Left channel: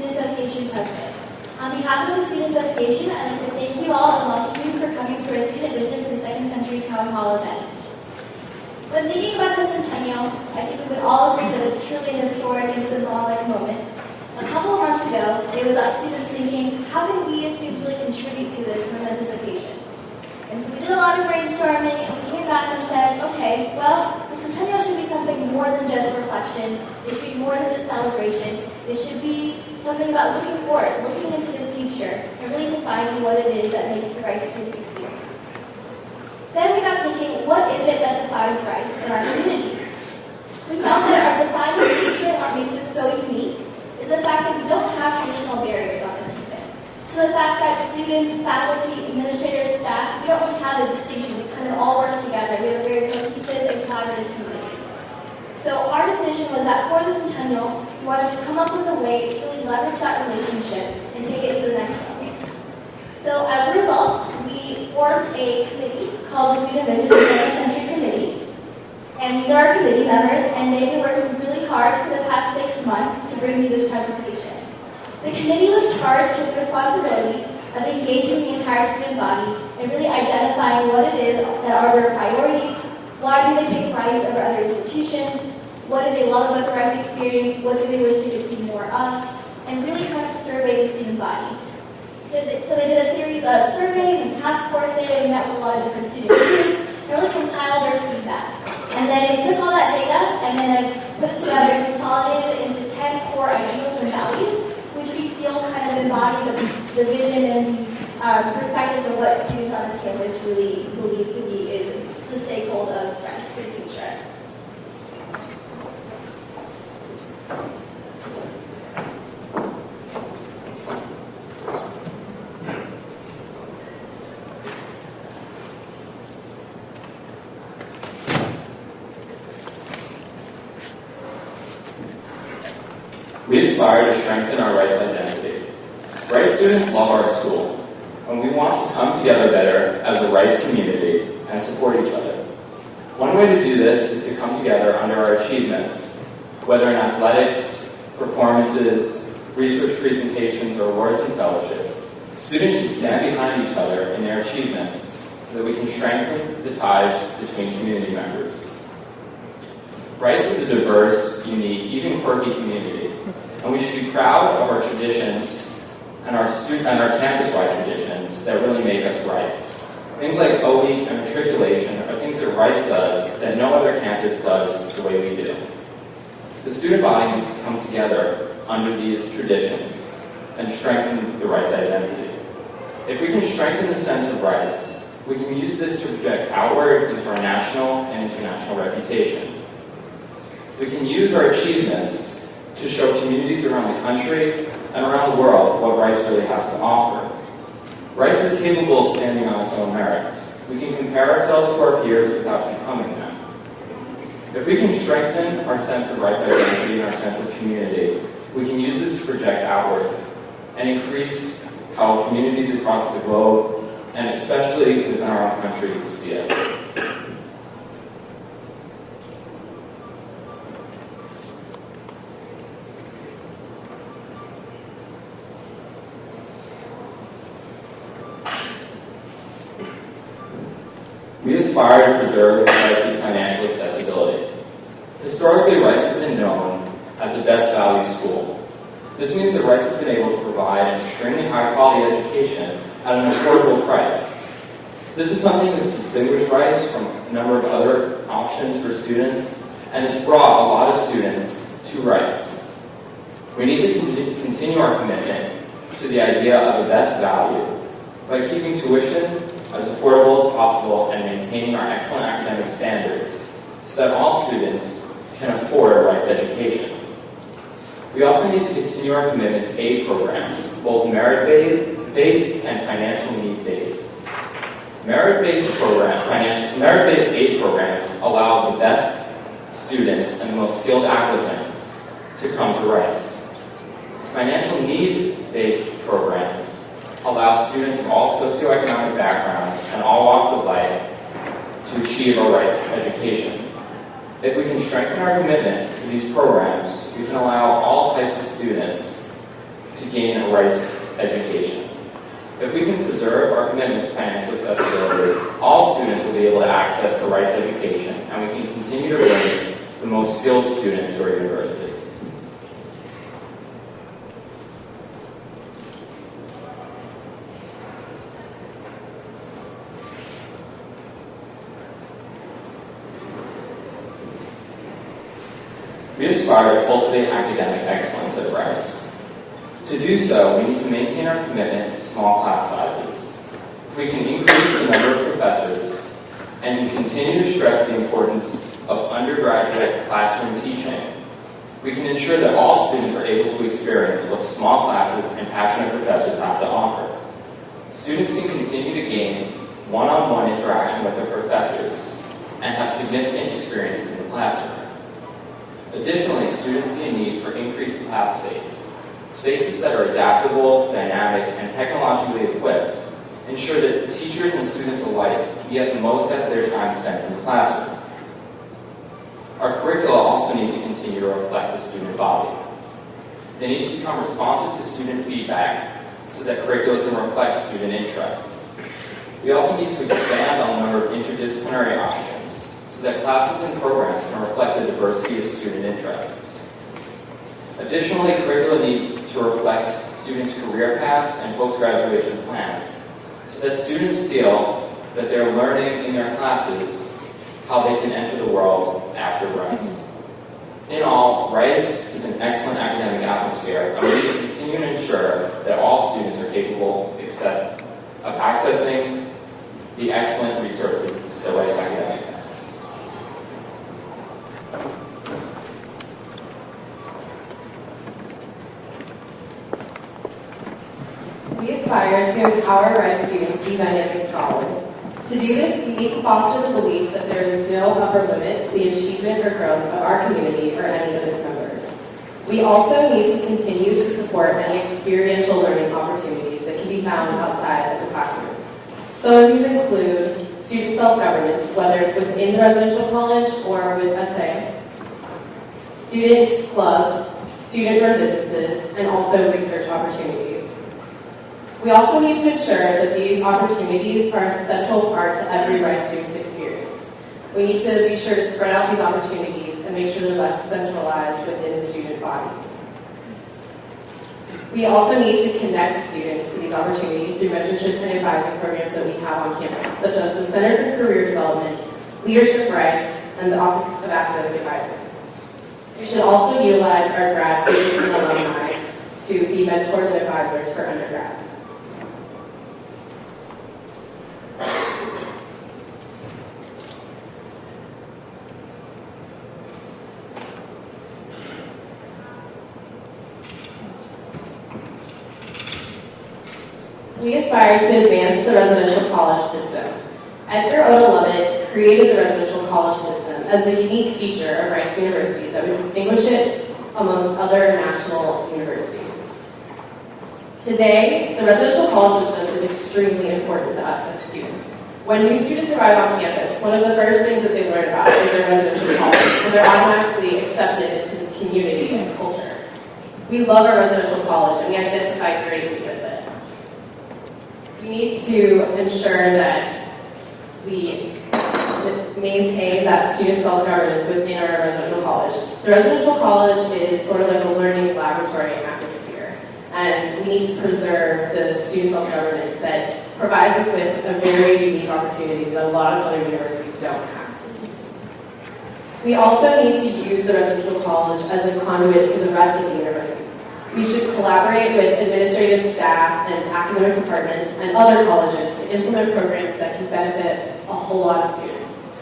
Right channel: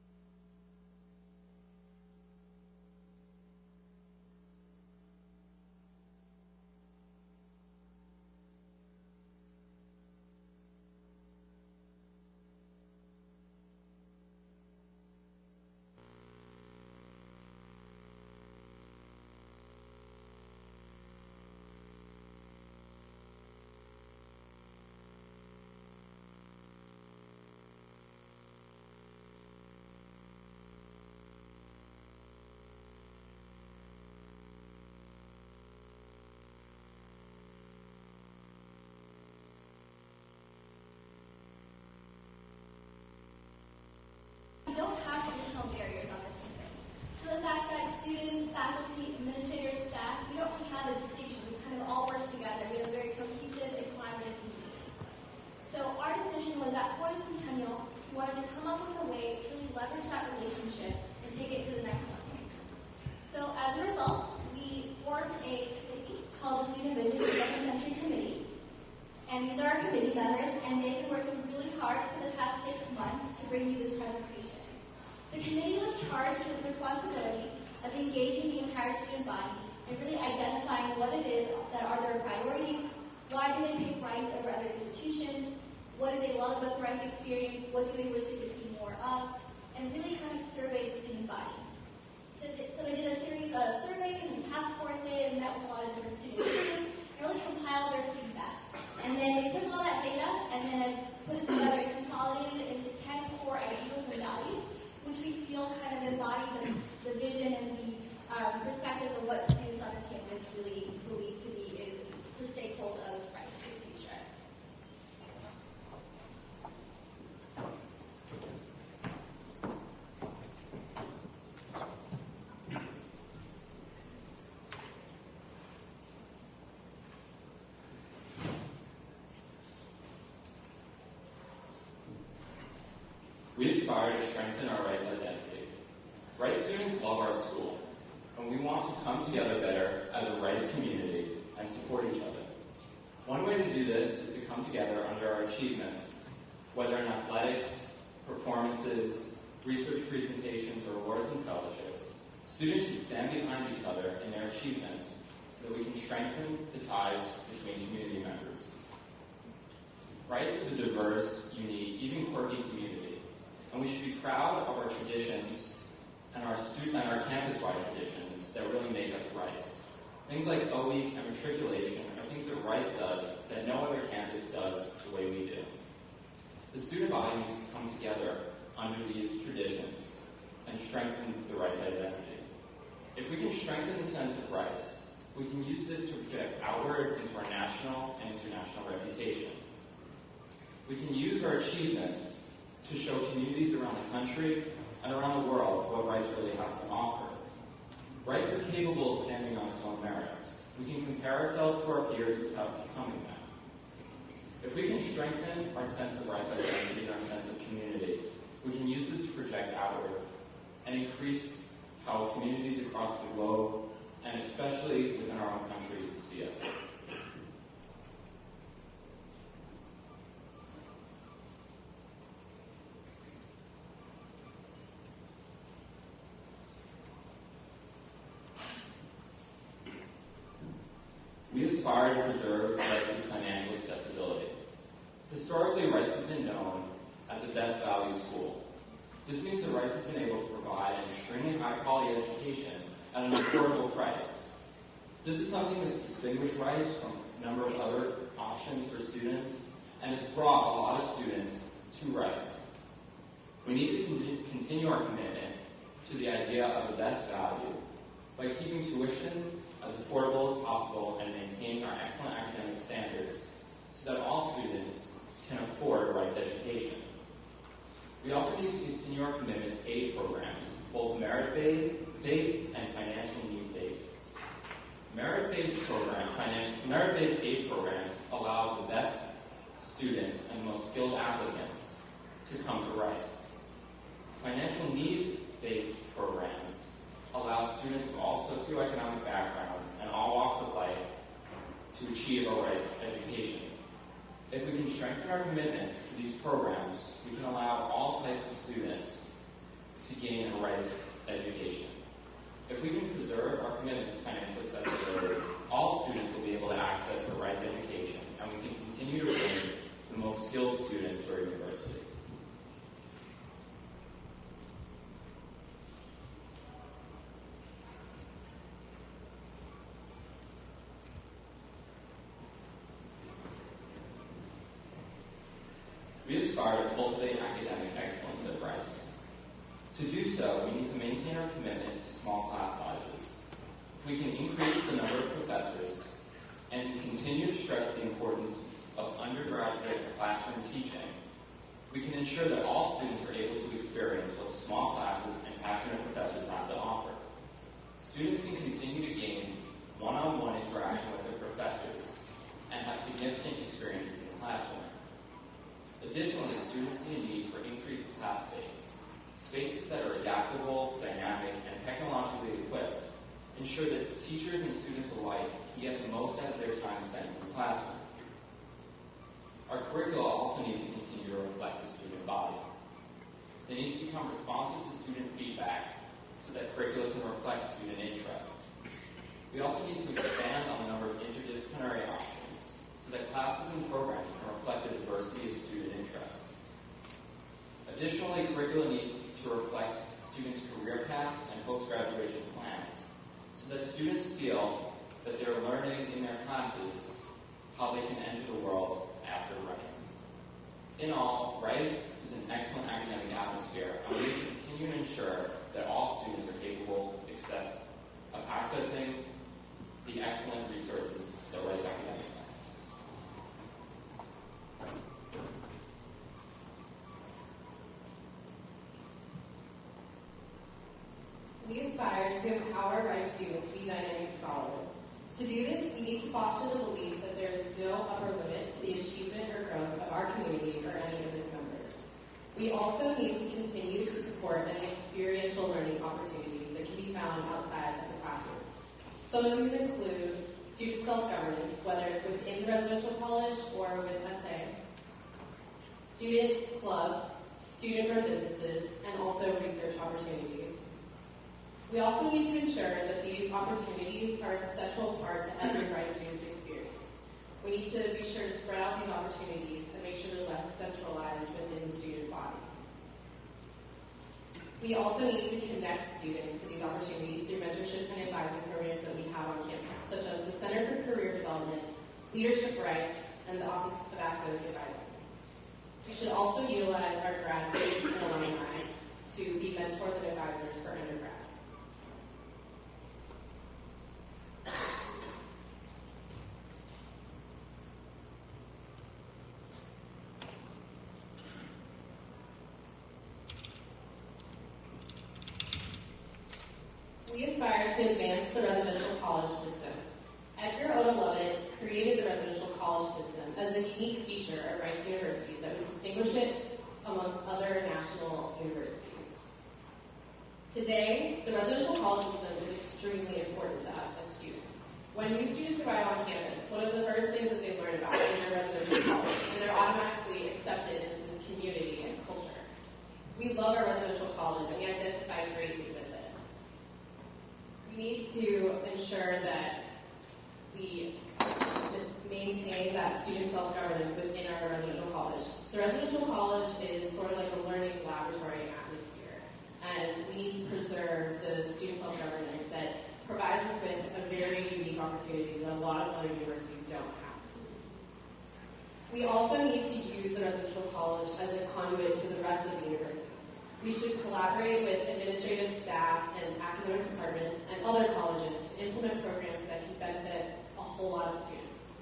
Student Association President. On behalf of the Student Association, I'd like to thank you all and welcome you for coming to our Student Vision for the Second Century Town Hall event. When thinking about the centennial, I think we would all agree that it's truly a historic and symbolic moment. A couple of months ago, it was us students thinking, how can we as students really contribute to this momentous occasion? And so we did a lot of brainstorming, and we came back and said, okay, well, the centennial should be something more than just reflection. It should be more than just celebration. It should be something about looking forward, looking into the future, and really defining what it is that makes the Rice student experience. Then we got thinking, what is it that defines Rice in our community? We found that our defining feature and what makes us so unique is the fact that we don't have traditional barriers on this campus. So the fact that students, faculty, administrators, staff, we don't really have a distinction. We kind of all work together. We have a very cohesive and collaborative community. So our decision was that for the centennial, we wanted to come up with a way to really leverage that relationship and take it to the next level. So as a result, we formed a committee called the Student Vision for the Second Century Committee. And these are our committee members, and they've been working really hard for the past 6 months to bring you this presentation. The committee was charged with the responsibility of engaging the entire student body and really identifying what it is that are their priorities, why do they pick Rice over other institutions, what do they love about the Rice experience, what do they wish they could see more of, and really kind of survey the student body. So they did a series of surveys and task forces, and met with a lot of different student groups, and really compiled their feedback. And then they took all that data and then put it together and consolidated it into 10 core ideals and values, which we feel kind of embody the vision and perspectives of what students on this campus really believe to be is the stakeholder of Rice for the future. We aspire to strengthen our Rice identity. Rice students love our school, and we want to come together better as a Rice community and support each other. One way to do this is to come together under our achievements, whether in athletics, performances, research presentations, or awards and fellowships. Students should stand behind each other in their achievements so that we can strengthen the ties between community members. Rice is a diverse, unique, even quirky community, and we should be proud of our traditions and our campus-wide traditions that really make us Rice. Things like O-Week and matriculation are things that Rice does that no other campus does the way we do. The student body needs to come together under these traditions and strengthen the Rice identity. If we can strengthen the sense of Rice, we can use this to project outward into our national and international reputation. We can use our achievements to show communities around the country and around the world what Rice really has to offer. Rice is capable of standing on its own merits. We can compare ourselves to our peers without becoming them. If we can strengthen our sense of Rice identity and our sense of community, we can use this to project outward and increase how communities across the globe, and especially within our own country, see us. We aspire to preserve Rice's financial accessibility. Historically, Rice has been known as the best value school. This means that Rice has been able to provide an extremely high-quality education at an affordable price. This is something that's distinguished Rice from a number of other options for students, and has brought a lot of students to Rice. We need to continue our commitment to the idea of the best value by keeping tuition as affordable as possible and maintaining our excellent academic standards so that all students can afford a Rice education. We also need to continue our commitment to aid programs, both merit-based and financial need-based. Merit-based aid programs allow the best students and the most skilled applicants to come to Rice. Financial need-based programs allow students of all socioeconomic backgrounds and all walks of life to achieve a Rice education. If we can strengthen our commitment to these programs, we can allow all types of students to gain a Rice education. If we can preserve our commitment to financial accessibility, all students will be able to access a Rice education, and we can continue to bring the most skilled students to our university. We aspire to cultivate academic excellence at Rice. To do so, we need to maintain our commitment to small class sizes. If we can increase the number of professors and continue to stress the importance of undergraduate classroom teaching, we can ensure that all students are able to experience what small classes and passionate professors have to offer. Students can continue to gain one-on-one interaction with their professors and have significant experiences in the classroom. Additionally, students see a need for increased class space. Spaces that are adaptable, dynamic, and technologically equipped ensure that teachers and students alike can get the most out of their time spent in the classroom. Our curricula also need to continue to reflect the student body. They need to become responsive to student feedback so that curricula can reflect student interest. We also need to expand on the number of interdisciplinary options so that classes and programs can reflect the diversity of student interests. Additionally, curricula need to reflect students' career paths and post-graduation plans so that students feel that they're learning in their classes how they can enter the world after Rice. In all, Rice is an excellent academic atmosphere, and we need to continue to ensure that all students are capable of accessing the excellent resources that Rice Academics has. We aspire to empower Rice students to be dynamic scholars. To do this, we need to foster the belief that there is no upper limit to the achievement or growth of our community or any of its members. We also need to continue to support any experiential learning opportunities that can be found outside of the classroom. Some of these include student self-governance, whether it's within the residential college or with SA, student clubs, student-run businesses, and also research opportunities. We also need to ensure that these opportunities are a central part to every Rice student's experience. We need to be sure to spread out these opportunities and make sure they're less centralized within the student body. We also need to connect students to these opportunities through mentorship and advising programs that we have on campus, such as the Center for Career Development, Leadership Rice, and the Office of Academic Advising. We should also utilize our grad students and alumni to be mentors and advisors for undergrads. We aspire to advance the residential college system. Edgar Oda Lovett created the residential college system as a unique feature of Rice University that would distinguish it amongst other national universities. Today, the residential college system is extremely important to us as students. When new students arrive on campus, one of the first things that they learn about is their residential college, and they're automatically accepted into this community and culture. We love our residential college, and we identify greatly with it. We need to ensure that we maintain that student self-governance within our residential college. The residential college is sort of like a learning laboratory atmosphere, and we need to preserve the student self-governance that provides us with a very unique opportunity that a lot of other universities don't have. We also need to use the residential college as a conduit to the rest of the university. We should collaborate with administrative staff and academic departments and other colleges to implement programs that can benefit a whole lot of students.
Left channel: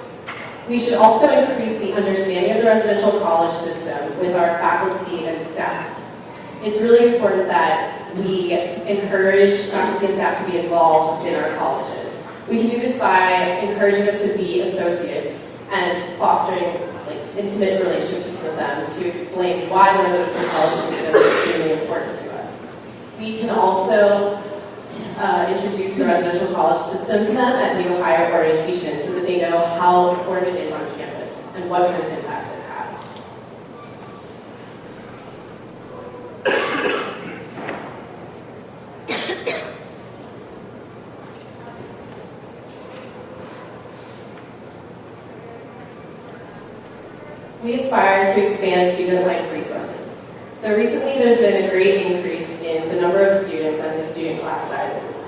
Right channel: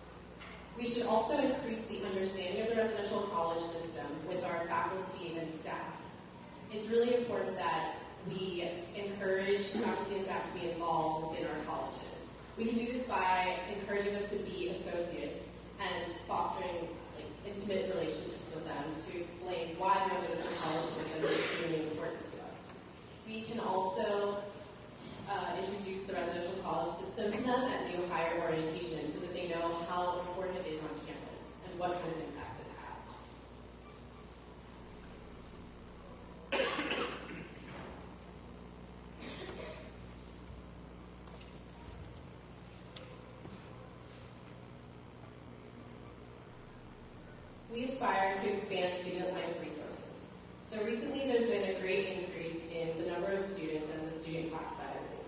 We should also increase the understanding of the residential college system with our faculty and staff. It's really important that we encourage faculty and staff to be involved within our colleges. We can do this by encouraging them to be associates and fostering intimate relationships with them to explain why the residential college system is extremely important to us. We can also introduce the residential college system to them at new hire orientation so that they know how important it is on campus and what kind of impact it has. We aspire to expand student-life resources. So recently there's been a great increase in the number of students and the student class sizes.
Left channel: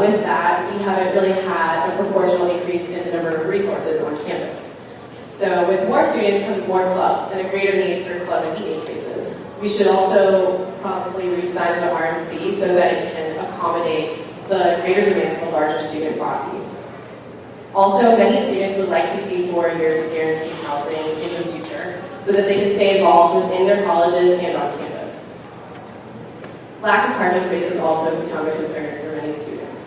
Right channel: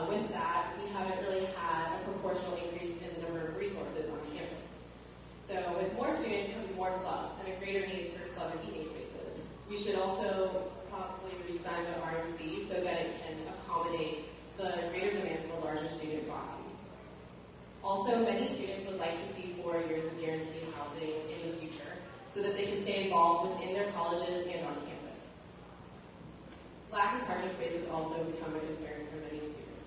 With that, we haven't really had a proportional increase in the number of resources on campus. So with more students comes more clubs and a greater need for club and meeting spaces. We should also probably redesign the RMC so that it can accommodate the greater demands of a larger student body. Also, many students would like to see 4 years of guaranteed housing in the future so that they can stay involved within their colleges and on campus. Lack of parking space has also become a concern for many students.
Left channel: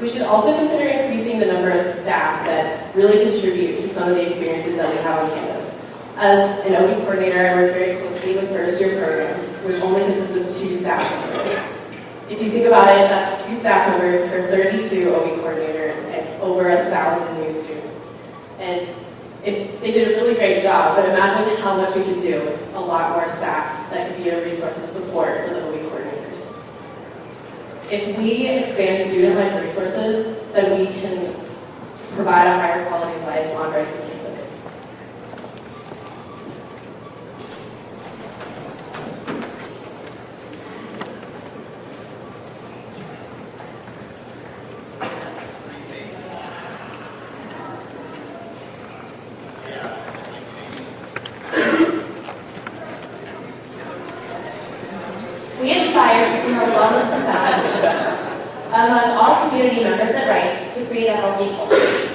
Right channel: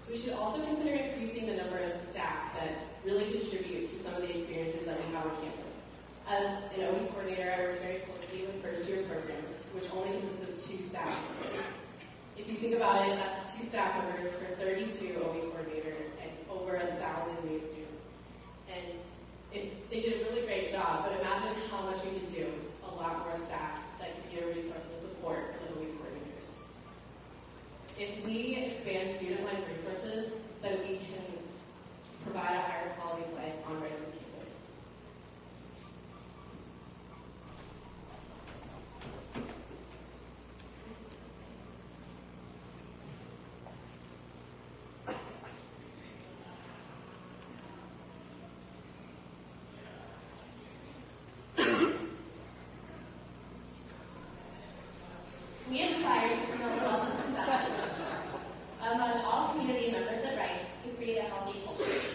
We should also consider increasing the number of staff that really contribute to some of the experiences that we have on campus. As an OB coordinator, I work very closely with first-year programs, which only consists of 2 staff members. If you think about it, that's 2 staff members for 32 OB coordinators and over 1,000 new students. And they did a really great job, but imagine how much we could do with a lot more staff that could be a resource and support for the OB coordinators. If we expand student-life resources, then we can provide a higher quality of life on Rice's campus. We aspire to promote wellness and health among all community members at Rice to create a healthy culture.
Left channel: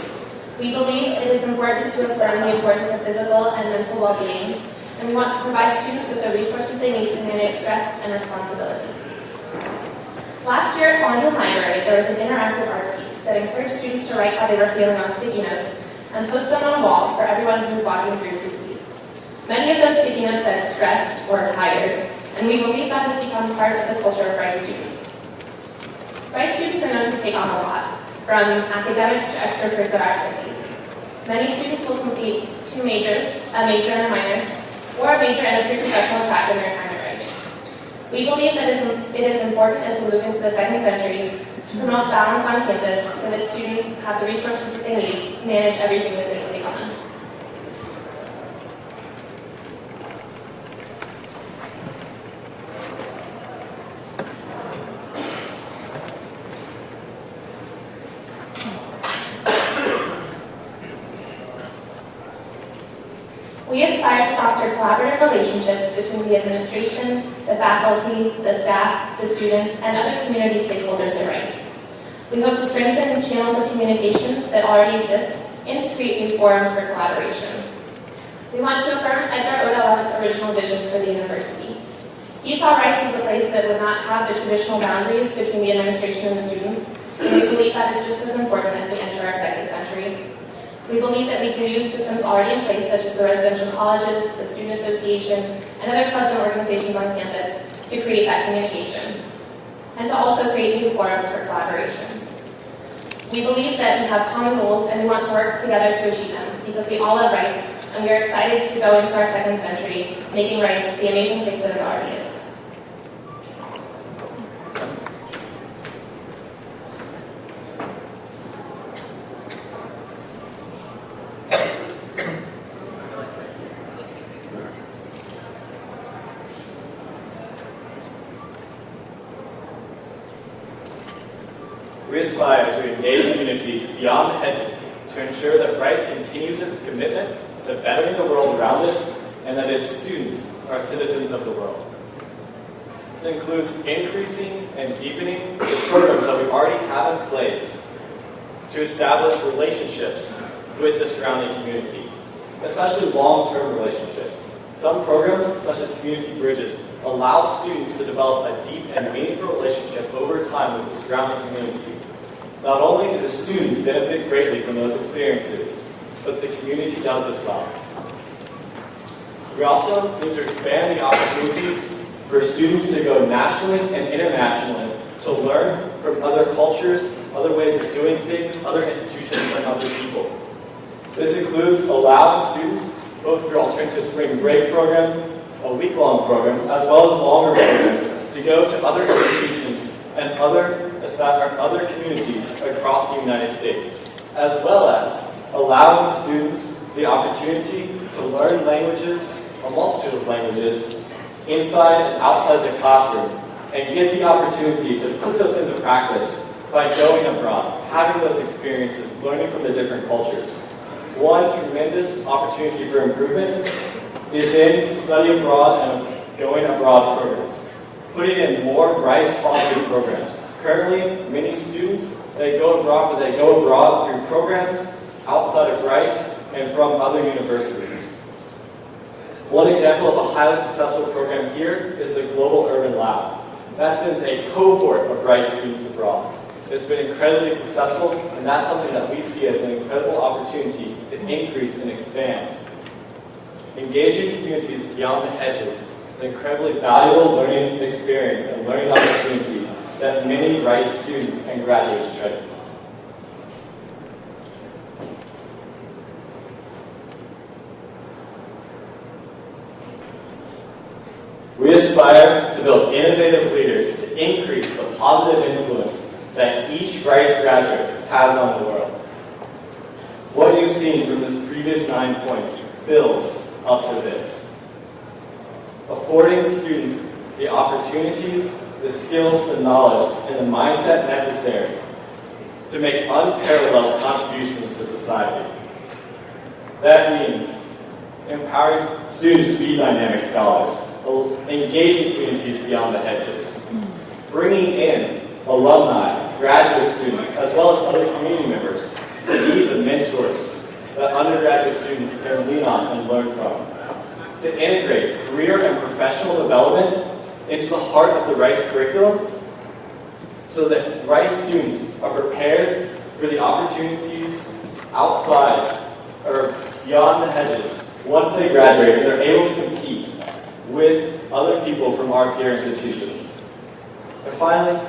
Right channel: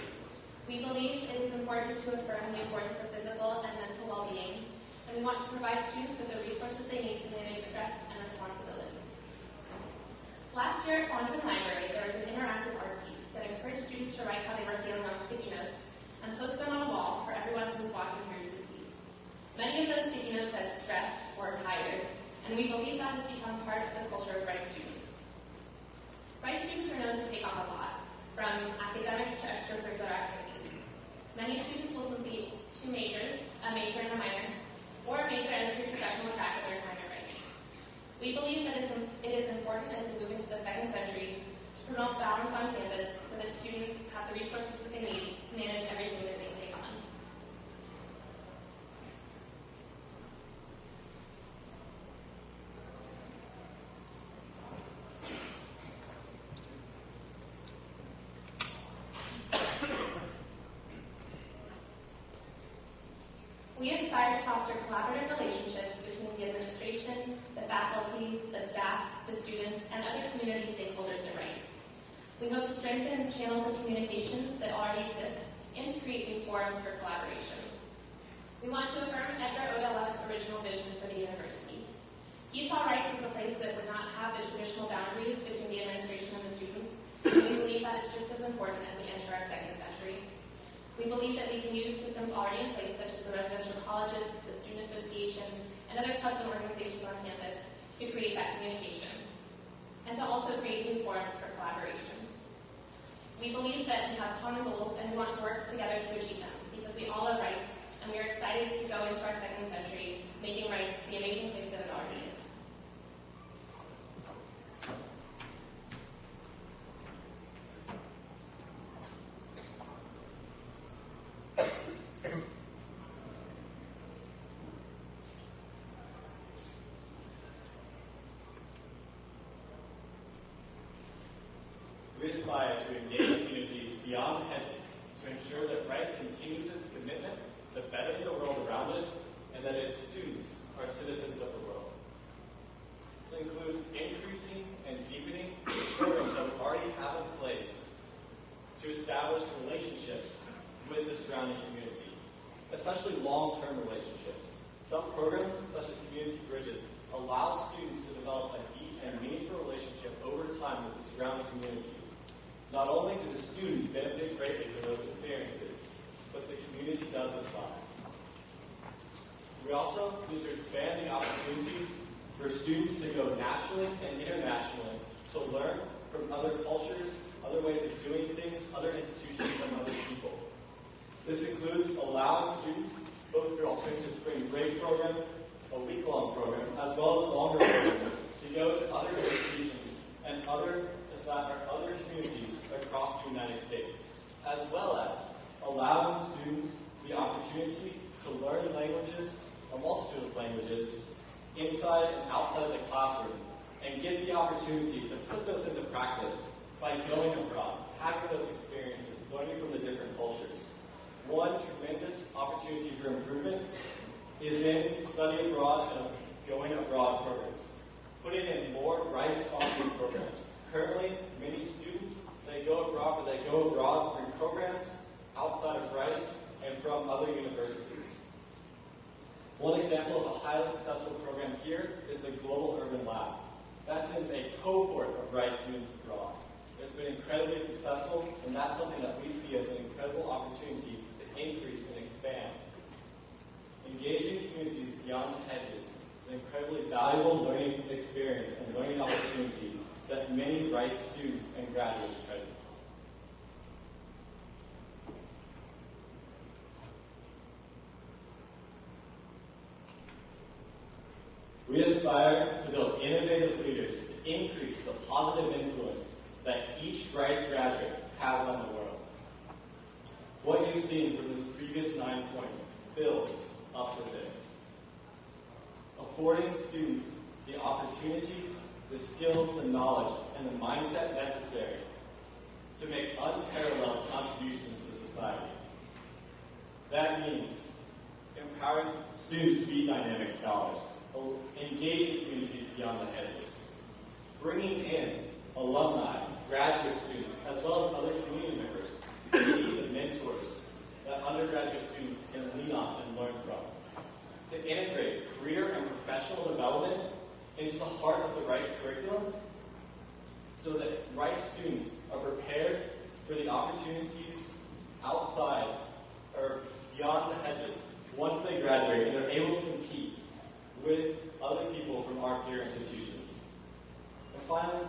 We believe it is important to affirm the importance of physical and mental well-being, and we want to provide students with the resources they need to manage stress and responsibilities. Last year at Collinger Library, there was an interactive art piece that encouraged students to write how they were feeling on sticky notes and post them on a wall for everyone who was walking through to see. Many of those sticky notes said stressed or tired, and we believe that has become part of the culture of Rice students. Rice students are known to take on a lot, from academics to extracurricular activities. Many students will complete 2 majors, a major and a minor, or a major and a pre-professional track in their time at Rice. We believe that it is important as we move into the 2nd century to promote balance on campus so that students have the resources that they need to manage everything that they take on. We aspire to foster collaborative relationships between the administration, the faculty, the staff, the students, and other community stakeholders at Rice. We hope to strengthen channels of communication that already exist and to create new forums for collaboration. We want to affirm Edgar Oda Levitt's original vision for the university. He saw Rice as a place that would not have the traditional boundaries between the administration and the students, and we believe that is just as important as we enter our 2nd century. We believe that we can use systems already in place, such as the residential colleges, the student association, and other clubs and organizations on campus to create that communication, and to also create new forums for collaboration. We believe that we have common goals and we want to work together to achieve them because we all love Rice, and we are excited to go into our 2nd century, making Rice the amazing place that it already is. We aspire to engage communities beyond the hedges to ensure that Rice continues its commitment to bettering the world around it and that its students are citizens of the world. This includes increasing and deepening the programs that we already have in place to establish relationships with the surrounding community, especially long-term relationships. Some programs, such as Community Bridges, allow students to develop a deep and meaningful relationship over time with the surrounding community. Not only do the students benefit greatly from those experiences, but the community does as well. We also need to expand the opportunities for students to go nationally and internationally to learn from other cultures, other ways of doing things, other institutions, and other people. This includes allowing students, both through Alternative Spring Break program, a week-long program, as well as longer programs, to go to other institutions and other communities across the United States, as well as allowing students the opportunity to learn languages, a multitude of languages, inside and outside the classroom, and get the opportunity to put those into practice by going abroad, having those experiences, learning from the different cultures. One tremendous opportunity for improvement is in study abroad and going abroad programs. Putting in more Rice-sponsored programs. Currently, many students, they go abroad through programs outside of Rice and from other universities. One example of a highly successful program here is the Global Urban Lab. That sends a cohort of Rice students abroad. It's been incredibly successful, and that's something that we see as an incredible opportunity to increase and expand. Engaging communities beyond the hedges is an incredibly valuable learning experience and learning opportunity that many Rice students and graduates treasure. We aspire to build innovative leaders to increase the positive influence that each Rice graduate has on the world. What you've seen from this previous 9 points builds up to this. Affording students the opportunities, the skills, the knowledge, and the mindset necessary to make unparalleled contributions to society. That means empowering students to be dynamic scholars, engaging communities beyond the hedges, bringing in alumni, graduate students, as well as other community members to be the mentors that undergraduate students can lean on and learn from, to integrate career and professional development into the heart of the Rice curriculum so that Rice students are prepared for the opportunities outside or beyond the hedges once they graduate and they're able to compete with other people from our peer institutions. And finally,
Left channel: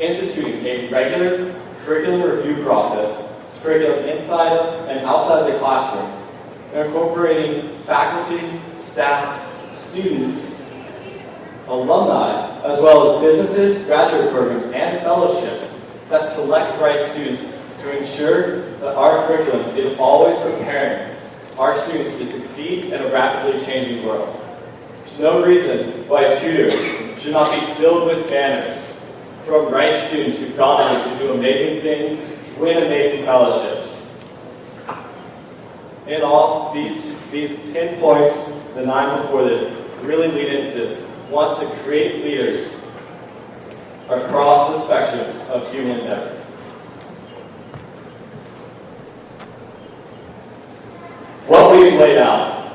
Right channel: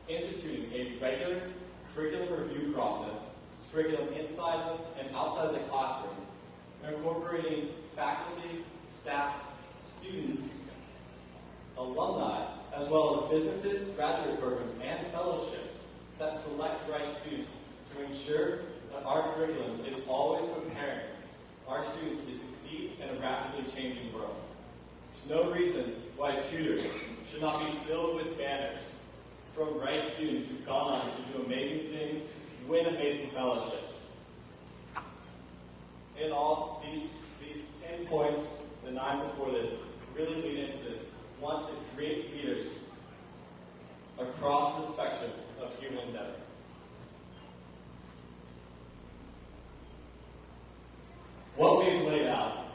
instituting a regular curriculum review process, curriculum inside of and outside the classroom, and incorporating faculty, staff, students, alumni, as well as businesses, graduate programs, and fellowships that select Rice students to ensure that our curriculum is always preparing our students to succeed in a rapidly changing world. There's no reason why a tutor should not be filled with banners from Rice students who've gone on to do amazing things, win amazing fellowships. In all, these 10 points, the 9 before this, really lead into this. Want to create leaders across the spectrum of human endeavor. What we've laid out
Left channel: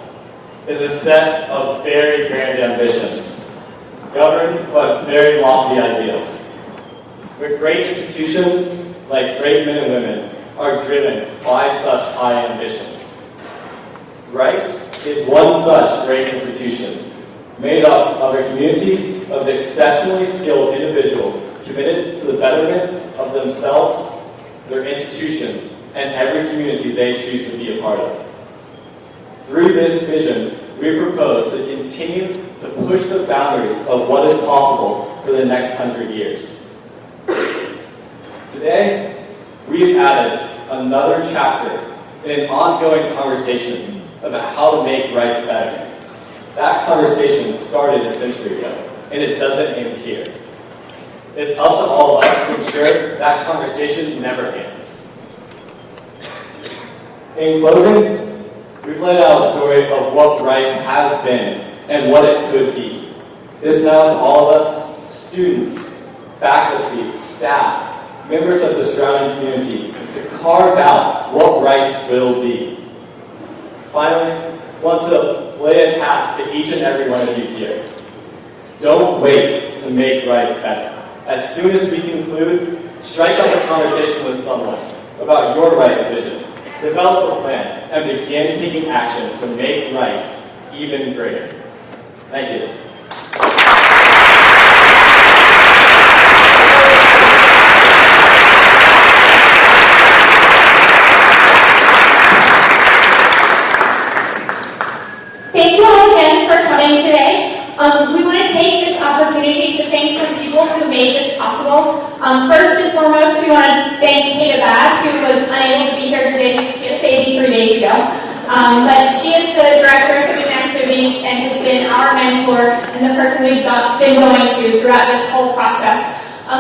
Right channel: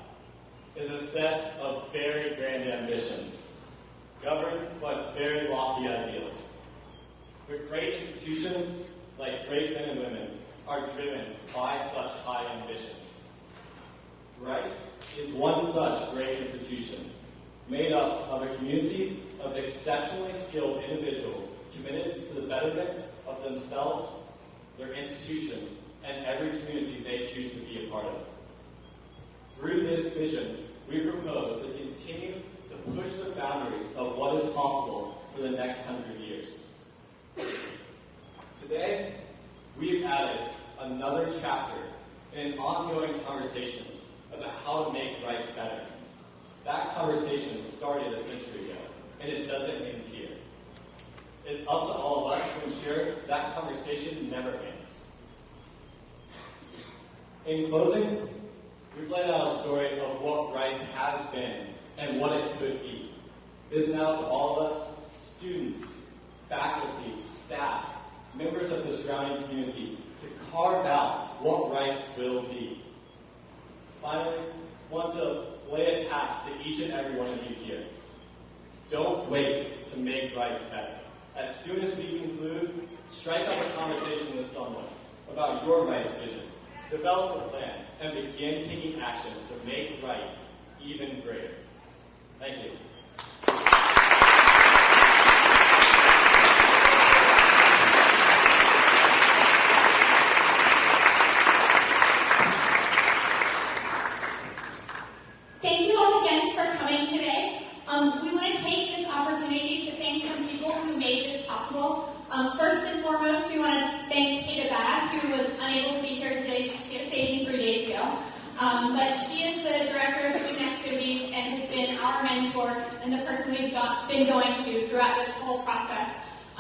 is a set of very grand ambitions, governed by very lofty ideals. But great institutions, like great men and women, are driven by such high ambitions. Rice is one such great institution, made up of a community of exceptionally skilled individuals committed to the betterment of themselves, their institution, and every community they choose to be a part of. Through this vision, we propose to continue to push the boundaries of what is possible for the next 100 years. Today, we've added another chapter in an ongoing conversation about how to make Rice better. That conversation started a century ago, and it doesn't end here. It's up to all of us to ensure that conversation never ends. In closing, we've laid out a story of what Rice has been and what it could be. It is now to all of us, students, faculty, staff, members of the surrounding community, to carve out what Rice will be. Finally, I want to lay a task to each and every one of you here. Don't wait to make Rice better. As soon as we conclude, strike up a conversation with someone about your Rice vision. Develop a plan and begin taking action to make Rice even greater. Thank you. Thank you all again for coming today. We want to take this opportunity to thank some people who made this possible. First and foremost, we want to thank Kate Abad, who was unable to be here today. She had a baby 3 days ago. But she is the Director of Student Activities and has been our mentor and the person we've been going to throughout this whole process.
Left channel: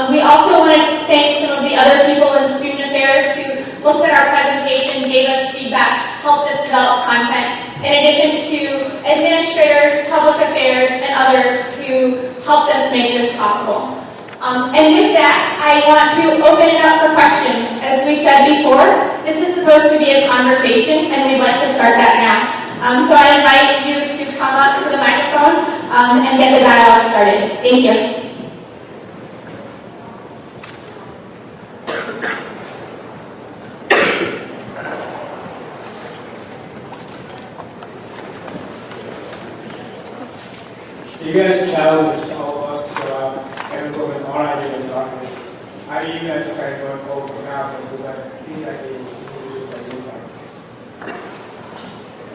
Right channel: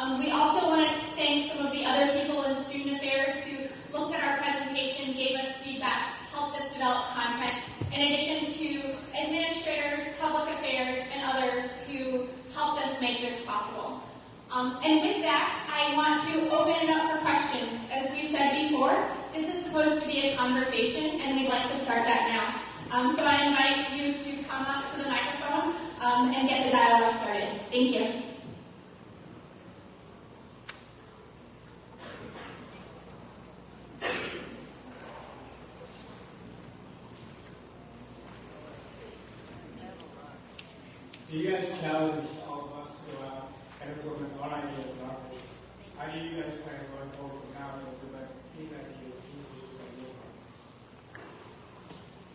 We also want to thank some of the other people in Student Affairs who looked at our presentation, gave us feedback, helped us develop content, in addition to administrators, public affairs, and others who helped us make this possible. And with that, I want to open it up for questions. As we said before, this is supposed to be a conversation, and we'd like to start that now. So I invite you to come up to the microphone and get the dialogue started. Thank you. So you guys challenged all of us to go out and implement our ideas and our commitments. How do you guys try to unfold from now into what these ideas are doing?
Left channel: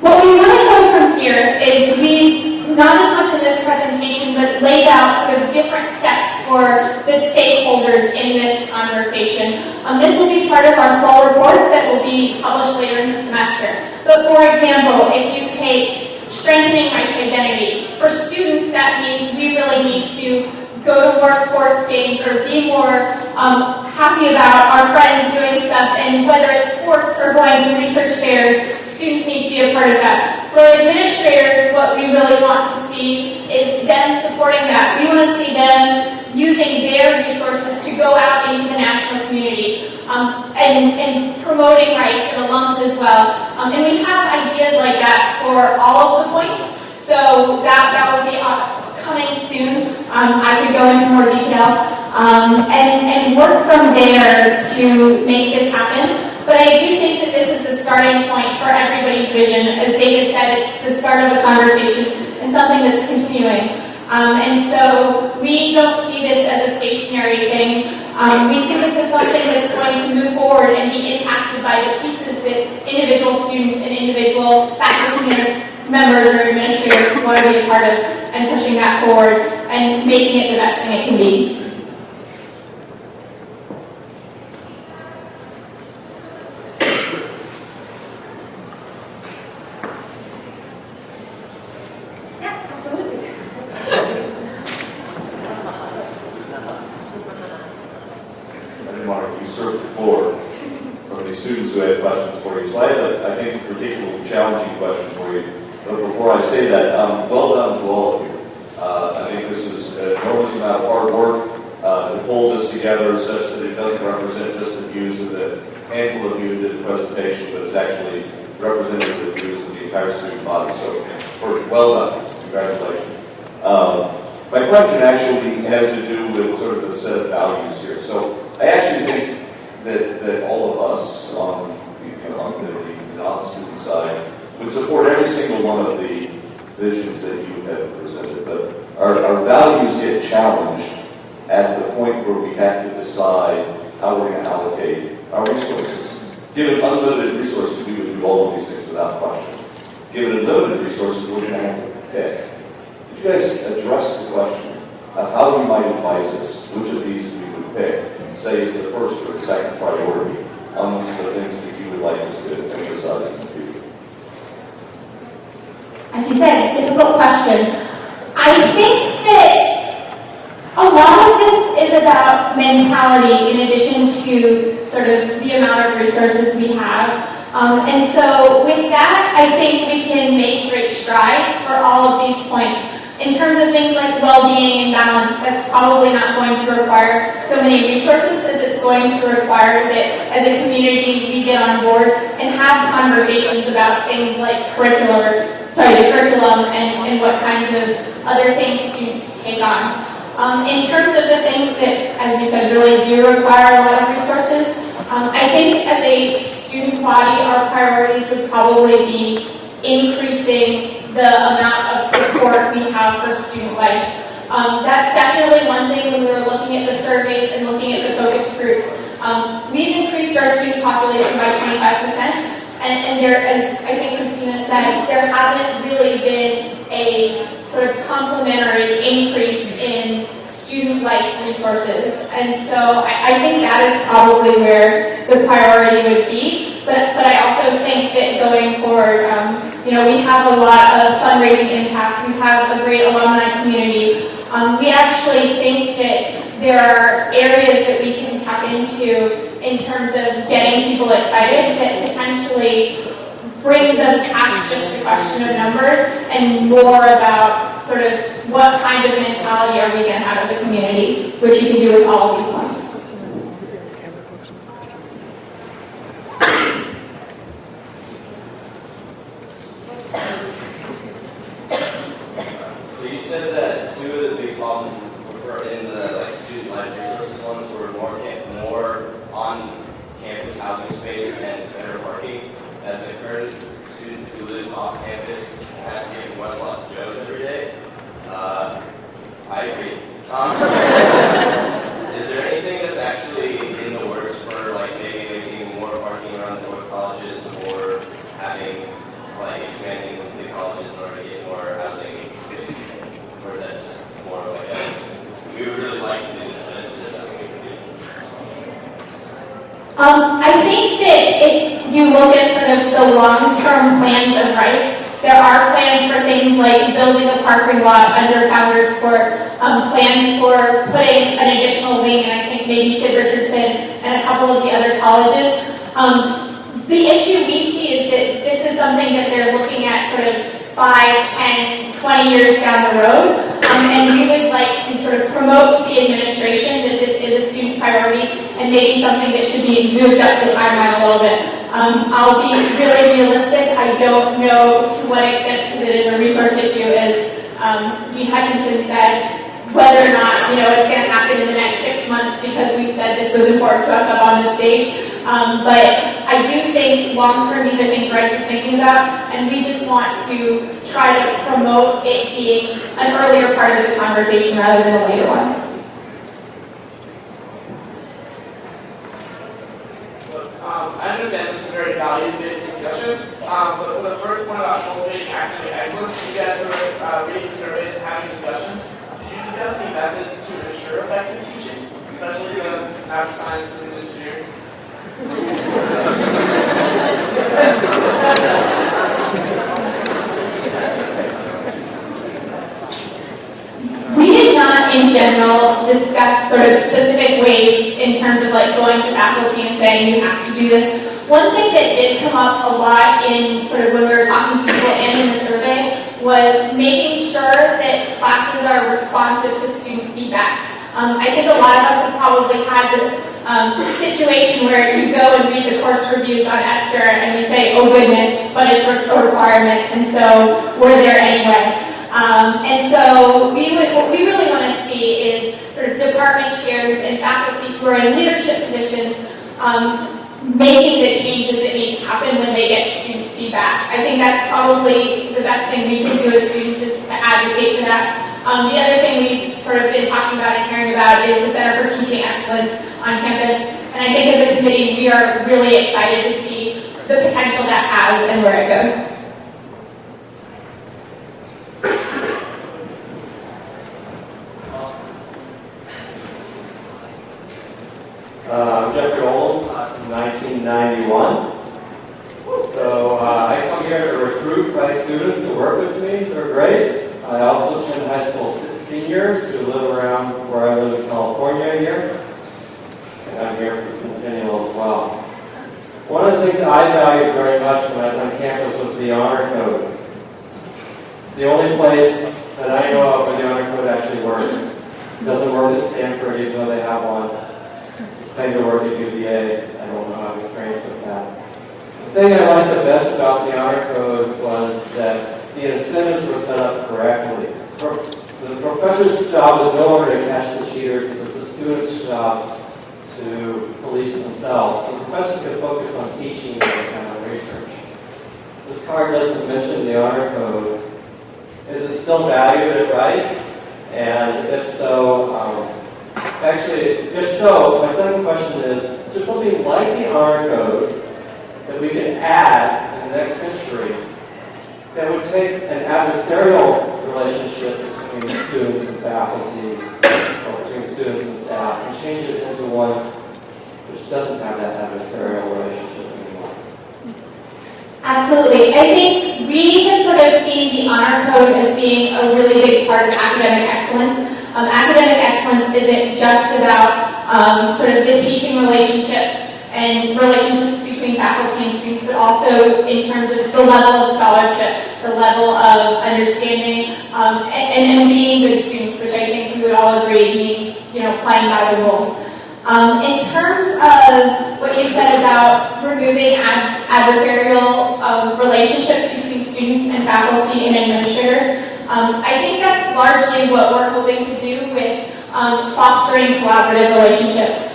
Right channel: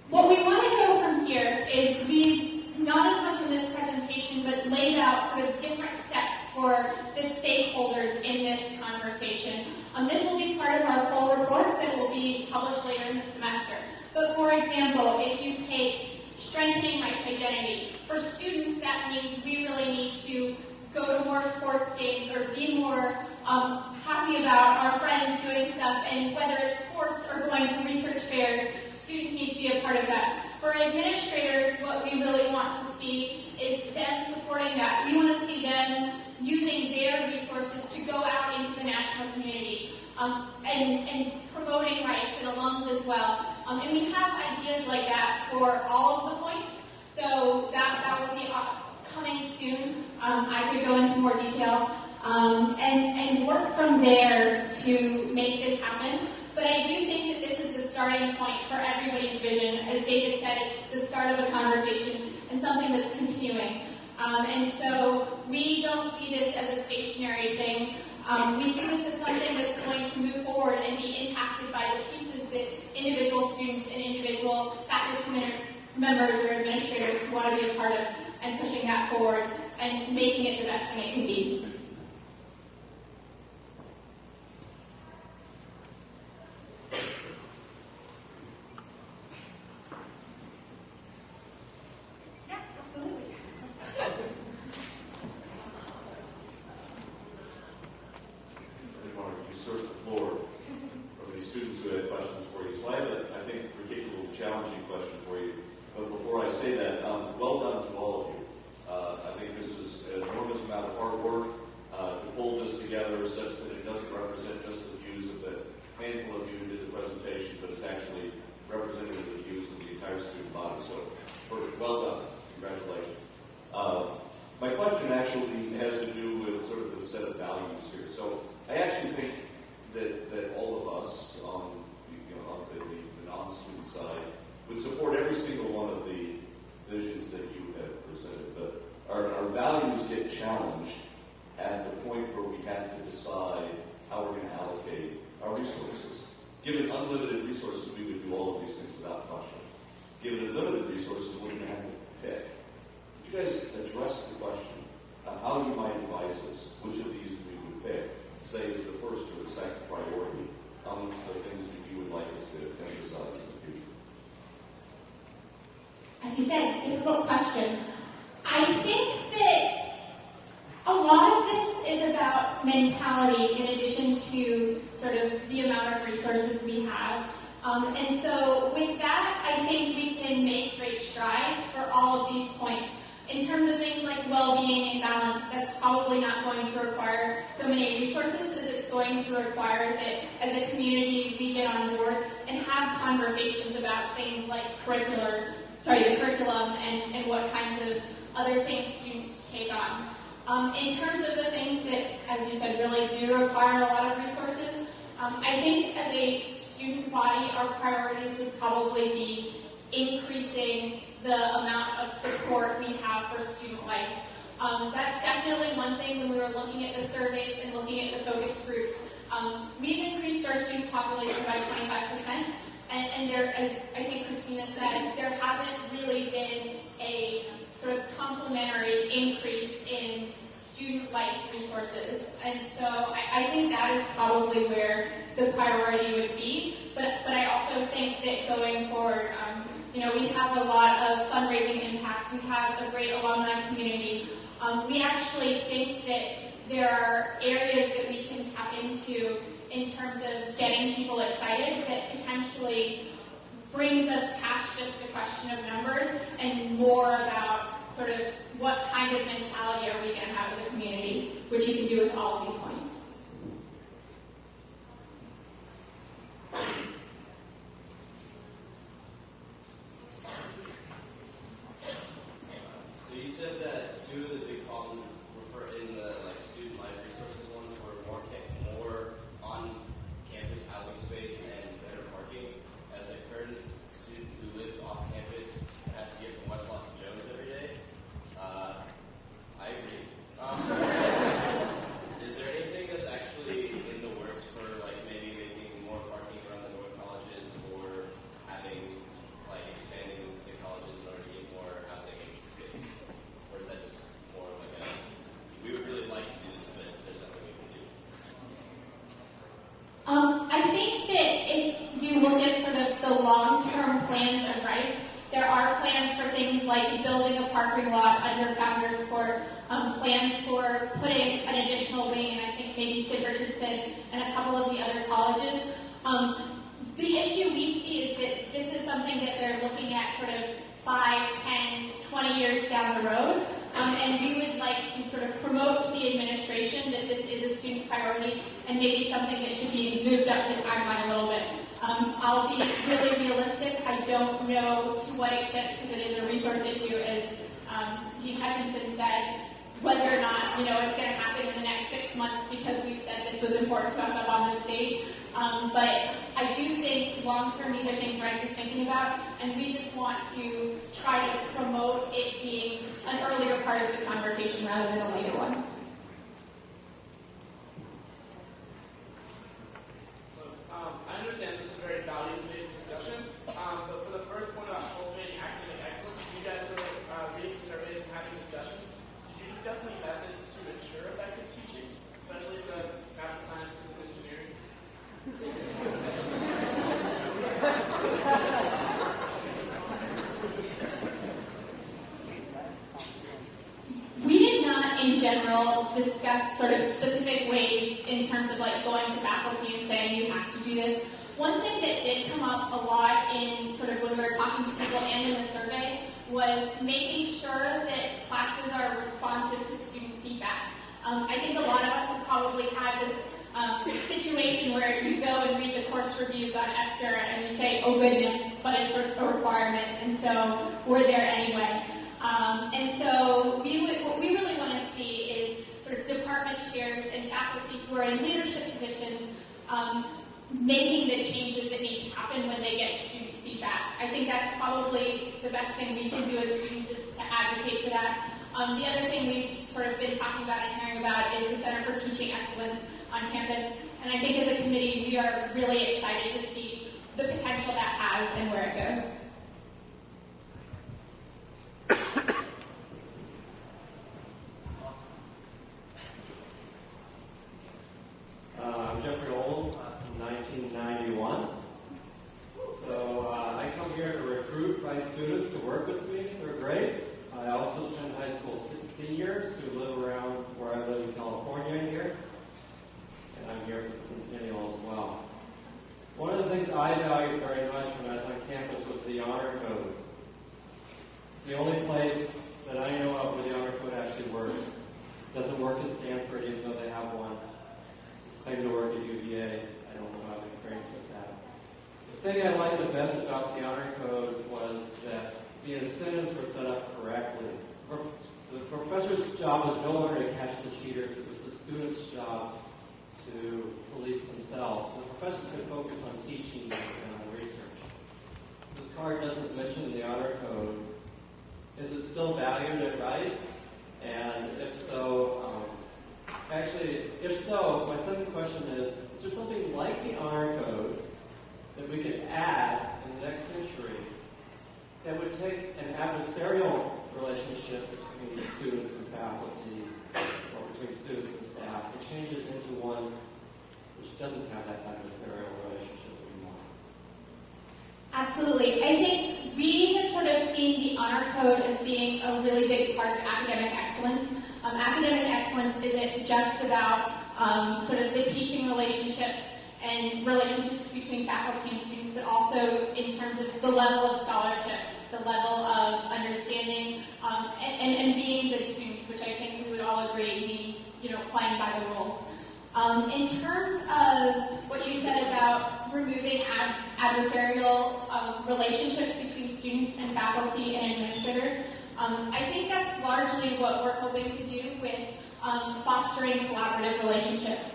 What we want to go from here is we, not as much in this presentation, but laid out sort of different steps for the stakeholders in this conversation. This will be part of our full report that will be published later in the semester. But for example, if you take strengthening race identity, for students that means we really need to go to more sports games or be more happy about our friends doing stuff, and whether it's sports or going to research fairs, students need to be a part of that. For administrators, what we really want to see is them supporting that. We want to see them using their resources to go out into the national community and promoting rights and alums as well. And we have ideas like that for all of the points, so that will be coming soon. I could go into more detail and work from there to make this happen. But I do think that this is the starting point for everybody's vision. As David said, it's the start of a conversation and something that's continuing. And so we don't see this as a stationary thing. We see this as something that's going to move forward and be impacted by the pieces that individual students and individual faculty members or administrators want to be a part of, and pushing that forward and making it the best thing it can be. Yeah, absolutely. I didn't want to usurp the floor from the students who had questions for you. So I have, I think, a particularly challenging question for you. But before I say that, well done to all of you. I think this is an enormous amount of hard work to pull this together such that it doesn't represent just the views of the handful of you who did the presentation, but it's actually representative of the views of the entire student body. So, first, well done. Congratulations. My question actually has to do with sort of the set of values here. So I actually think that all of us on the non-student side would support every single one of the visions that you have presented. But our values get challenged at the point where we have to decide how we're going to allocate our resources. Given unlimited resources, we would do all of these things without question. Given limited resources, we're going to have to pick. Could you guys address the question of how we might advise us which of these we would pick, say is the first or the second priority amongst the things that you would like us to emphasize in the future? As you said, difficult question. I think that a lot of this is about mentality in addition to sort of the amount of resources we have. And so with that, I think we can make great strides for all of these points. In terms of things like well-being and balance, that's probably not going to require so many resources as it's going to require that as a community we get on board and have conversations about things like the curriculum and what kinds of other things students take on. In terms of the things that, as you said, really do require a lot of resources, I think as a student body, our priorities would probably be increasing the amount of support we have for student life. That's definitely one thing when we were looking at the surveys and looking at the focus groups. We've increased our student population by 25%, and there, as I think Christina said, there hasn't really been a sort of complementary increase in student life resources. And so I think that is probably where the priority would be. But I also think that going forward, we have a lot of fundraising impact. We have a great alumni community. We actually think that there are areas that we can tap into in terms of getting people excited that potentially brings us past just a question of numbers and more about sort of what kind of mentality are we going to have as a community, which you can do with all of these points. So you said that two of the big problems were in the student life resources ones were more on campus housing space and better parking. As a current student who lives off campus and has to get from West Los Joes every day, I agree. Is there anything that's actually in the works for maybe making more parking around the North colleges or having expanding the colleges in order to get more housing space? Or is that just more of we would really like to do this, but there's nothing we can do? I think that if you look at sort of the long-term plans of Rice, there are plans for things like building a parking lot under Founders Court, plans for putting an additional wing, and I think maybe Sid Richardson and a couple of the other colleges. The issue we see is that this is something that they're looking at sort of 5, 10, 20 years down the road, and we would like to sort of promote to the administration that this is a student priority and maybe something that should be moved up the timeline a little bit. I'll be really realistic. I don't know to what extent, because it is a resource issue, as Dean Hutchinson said, whether or not it's going to happen in the next 6 months because we said this was important to us up on this stage. But I do think long-term these are things Rice is thinking about, and we just want to try to promote it being an earlier part of the conversation rather than a later one. I understand this is a very values-based discussion, but for the first one about cultivating academic excellence, you guys are reading surveys and having discussions. Did you discuss the methods to ensure effective teaching, especially when math sciences and engineering? We did not, in general, discuss sort of specific ways in terms of going to faculty and saying you have to do this. One thing that did come up a lot in sort of when we were talking to people and in the survey was making sure that classes are responsive to student feedback. I think a lot of us have probably had the situation where you go and read the course reviews on Esther and you say, oh goodness, but it's a requirement, and so we're there anyway. And so what we really want to see is sort of department chairs and faculty who are in leadership positions making the changes that need to happen when they get student feedback. I think that's probably the best thing we can do as students is to advocate for that. The other thing we've sort of been talking about and hearing about is the Center for Teaching Excellence on campus. And I think as a committee, we are really excited to see the potential that has and where it goes. I'm Jeffrey Oldham, class of 1991. So I come here to recruit Rice students to work with me. They're great. I also send high school seniors who live around where I live in California here. And I'm here for the Centennial as well. One of the things I valued very much when I was on campus was the honor code. It's the only place that I know of where the honor code actually works. It doesn't work at Stanford, even though they have one. It's time to work at UVA. I don't know, I've experienced with that. The thing I liked the best about the honor code was that the incentives were set up correctly. The professor's job was no longer to catch the cheaters, it was the students' jobs to police themselves. So the professors could focus on teaching and on research. This card doesn't mention the honor code. Is it still valued at Rice? And if so, if so, my second question is there something like the honor code that we can add in the next century that would take an adversarial relationship between students and faculty, or between students and staff, and change it into one which doesn't have that adversarial relationship anymore? Absolutely. I think we have sort of seen the honor code as being a really big part of academic excellence. Academic excellence isn't just about sort of the teaching relationships and relationships between faculty and students, but also in terms of the level of scholarship, the level of understanding, and being good students, which I think we would all agree means, playing by the rules. In terms of what you said about removing adversarial relationships between students and faculty and administrators, I think that's largely what we're hoping to do with fostering collaborative relationships.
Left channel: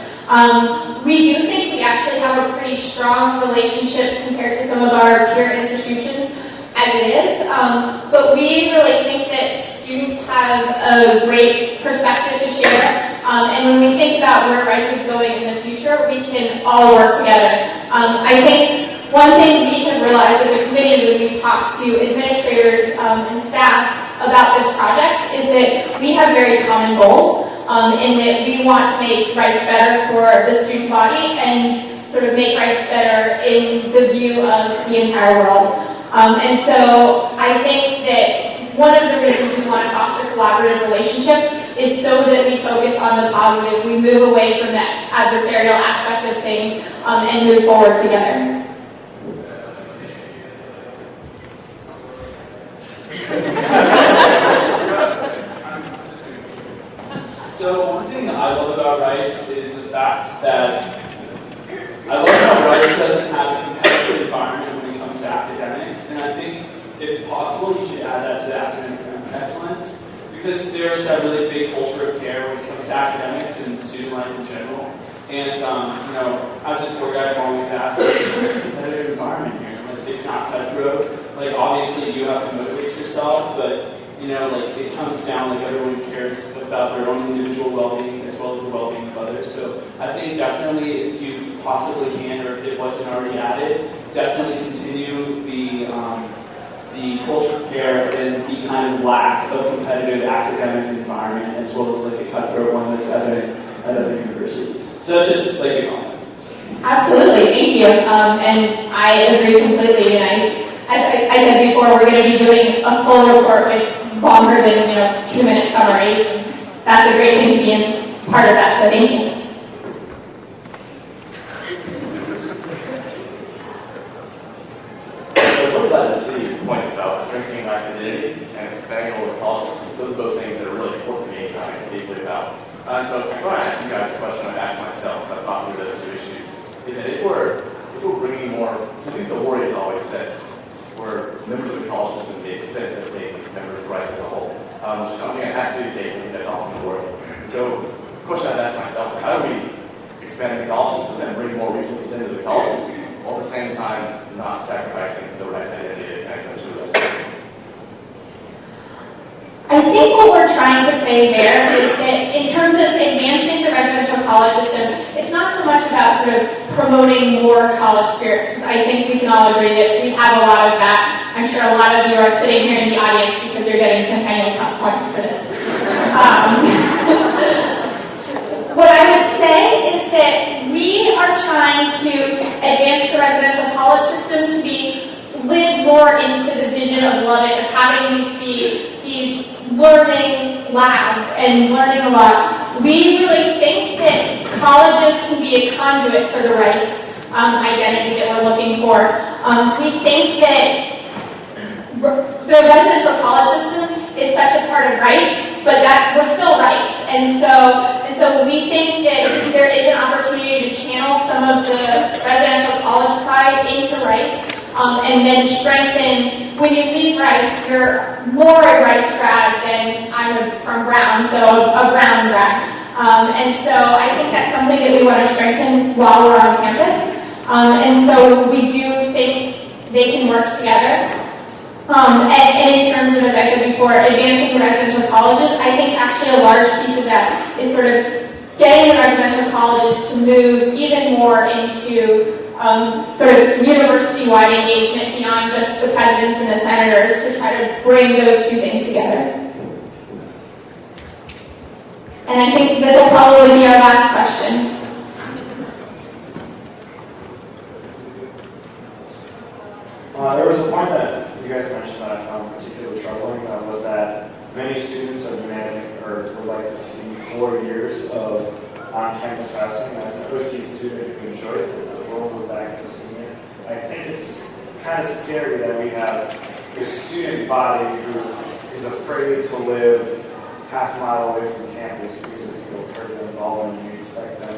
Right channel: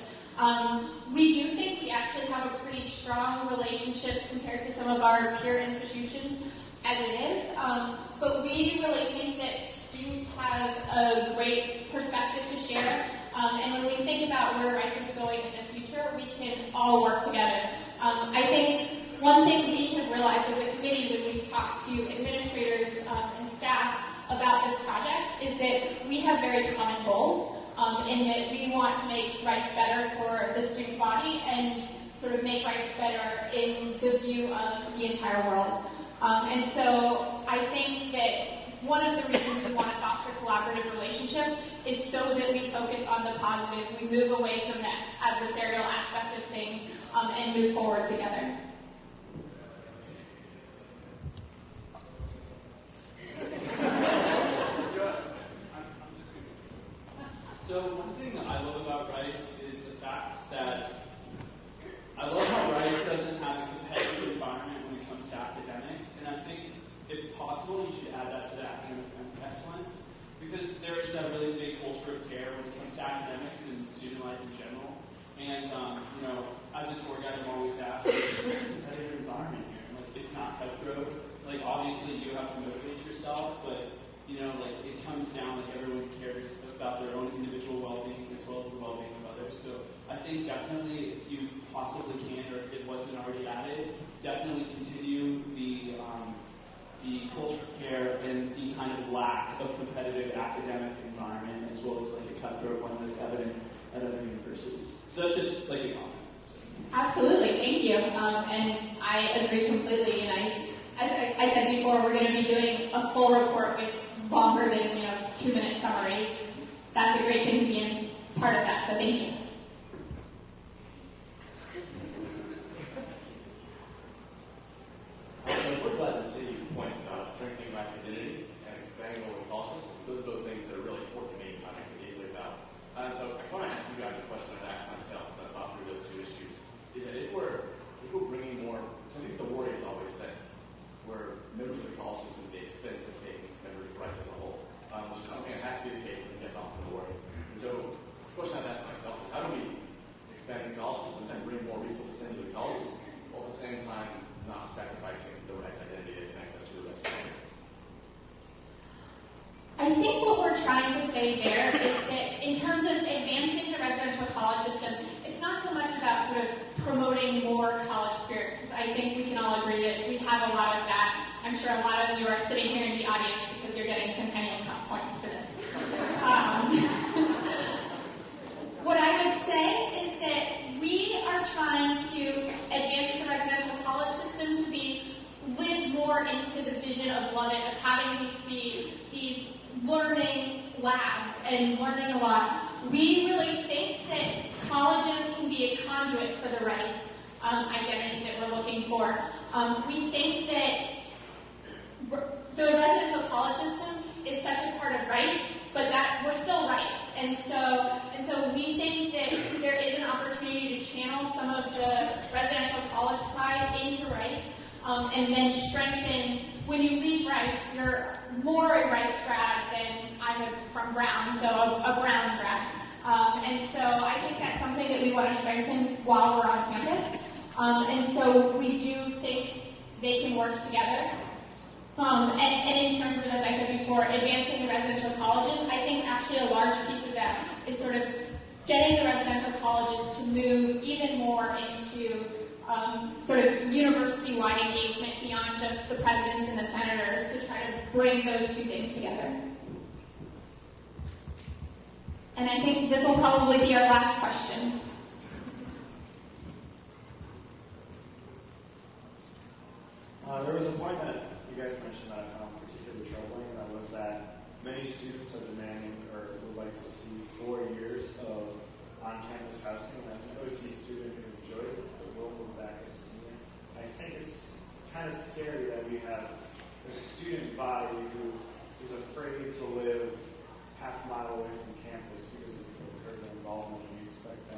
We do think we actually have a pretty strong relationship compared to some of our peer institutions as it is, but we really think that students have a great perspective to share, and when we think about where Rice is going in the future, we can all work together. I think one thing we have realized as a committee when we talk to administrators and staff about this project is that we have very common goals, in that we want to make Rice better for the student body and sort of make Rice better in the view of the entire world. And so I think that one of the reasons we want to foster collaborative relationships is so that we focus on the positive, we move away from that adversarial aspect of things, and move forward together. So one thing that I love about Rice is the fact that I love how Rice doesn't have a competitive environment when it comes to academics, and I think if possible you should add that to the academic excellence, because there is that really big culture of care when it comes to academics and student life in general. And as a tour guide, I've always asked, it's a competitive environment here. Like, it's not cutthroat. Like, obviously you have to motivate yourself, but it comes down, everyone cares about their own individual well-being as well as the well-being of others. So I think definitely, if you possibly can, or if it wasn't already added, definitely continue the culture of care and the kind of lack of competitive academic environment, as well as a cutthroat one that's evident at other universities. So that's just a comment. Absolutely, thank you. And I agree completely. And as I said before, we're going to be doing a full report with longer than 2-minute summaries. That's a great thing to be in part of that. So thank you. So we're glad to see your points about strengthening Rice identity and expanding over colleges. Those are both things that are really important to me and I think deeply about. So before I ask you guys a question, I've asked myself, because I've thought through those two issues, is that if we're bringing more, I think the worry is always that we're members of the college system at the expense of being members of Rice as a whole. Which is something that has to be the case, I think that's often the worry. So the question I've asked myself is, how do we expand the college system and bring more resources into the colleges, while at the same time not sacrificing the Rice identity and access to those things? I think what we're trying to say there is that in terms of advancing the residential college system, it's not so much about sort of promoting more college spirit, because I think we can all agree that we have a lot of that. I'm sure a lot of you are sitting here in the audience because you're getting Centennial Cup points for this. What I would say is that we are trying to advance the residential college system to live more into the vision of Lubbock, of having these learning labs and learning a lot. We really think that colleges can be a conduit for the Rice identity that we're looking for. We think that the residential college system is such a part of Rice, but that we're still Rice, and so we think that there is an opportunity to channel some of the residential college pride into Rice, and then strengthen. When you leave Rice, you're more a Rice grad than I'm from Brown, so a Brown grad, and so I think that's something that we want to strengthen while we're on campus, and so we do think they can work together. And in terms of, as I said before, advancing the residential colleges, I think actually a large piece of that is sort of getting the residential colleges to move even more into sort of university-wide engagement beyond just the presidents and the senators, to try to bring those two things together. And I think this will probably be our last question. There was a point that you guys kind of scary that we have a student body who is afraid to live half a mile away from campus because they feel hurt them all, and you expect them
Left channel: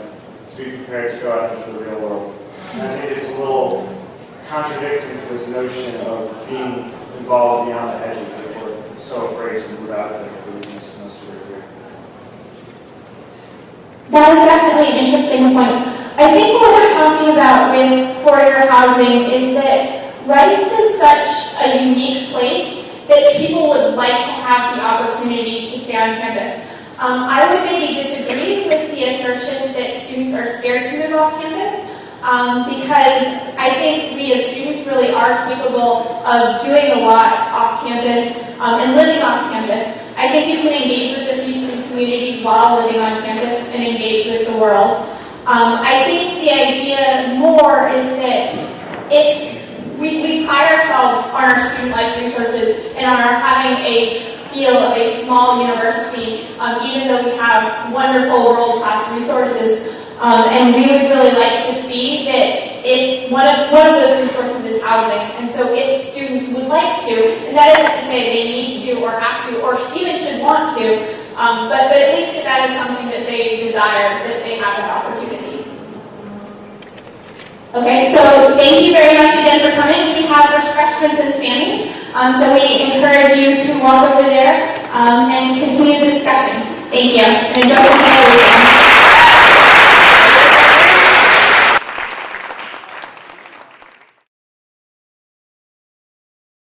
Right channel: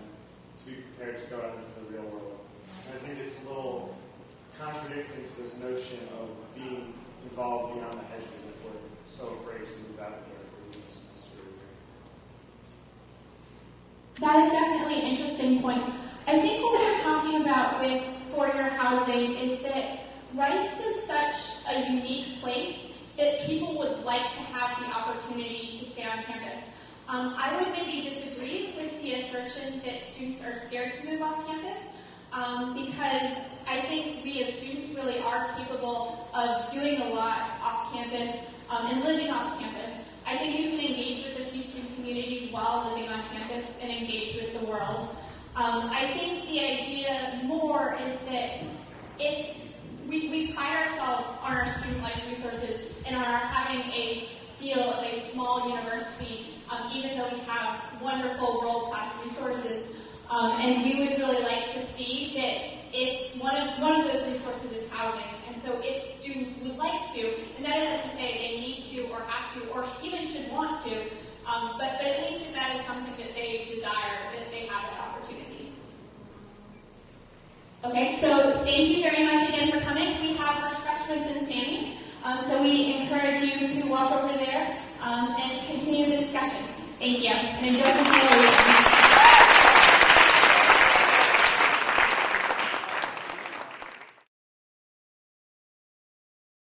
to be prepared to go out into the real world. And I think it's a little contradicting to this notion of being involved beyond the hedges if we're so afraid to move out of the semester here. That is definitely an interesting point. I think what we're talking about with four-year housing is that Rice is such a unique place that people would like to have the opportunity to stay on campus. I would maybe disagree with the assertion that students are scared to move off campus, because I think we as students really are capable of doing a lot off campus and living off campus. I think you can engage with the Houston community while living on campus and engage with the world. I think the idea more is that we pride ourselves on our student-like resources and on our having a feel of a small university, even though we have wonderful world-class resources. And we would really like to see that if one of those resources is housing. And so if students would like to, and that isn't to say they need to or have to or even should want to, but at least if that is something that they desire, that they have that opportunity. Okay, so thank you very much again for coming. We have refreshments and Sammy's, so we encourage you to walk over there and continue the discussion. Thank you. And enjoy the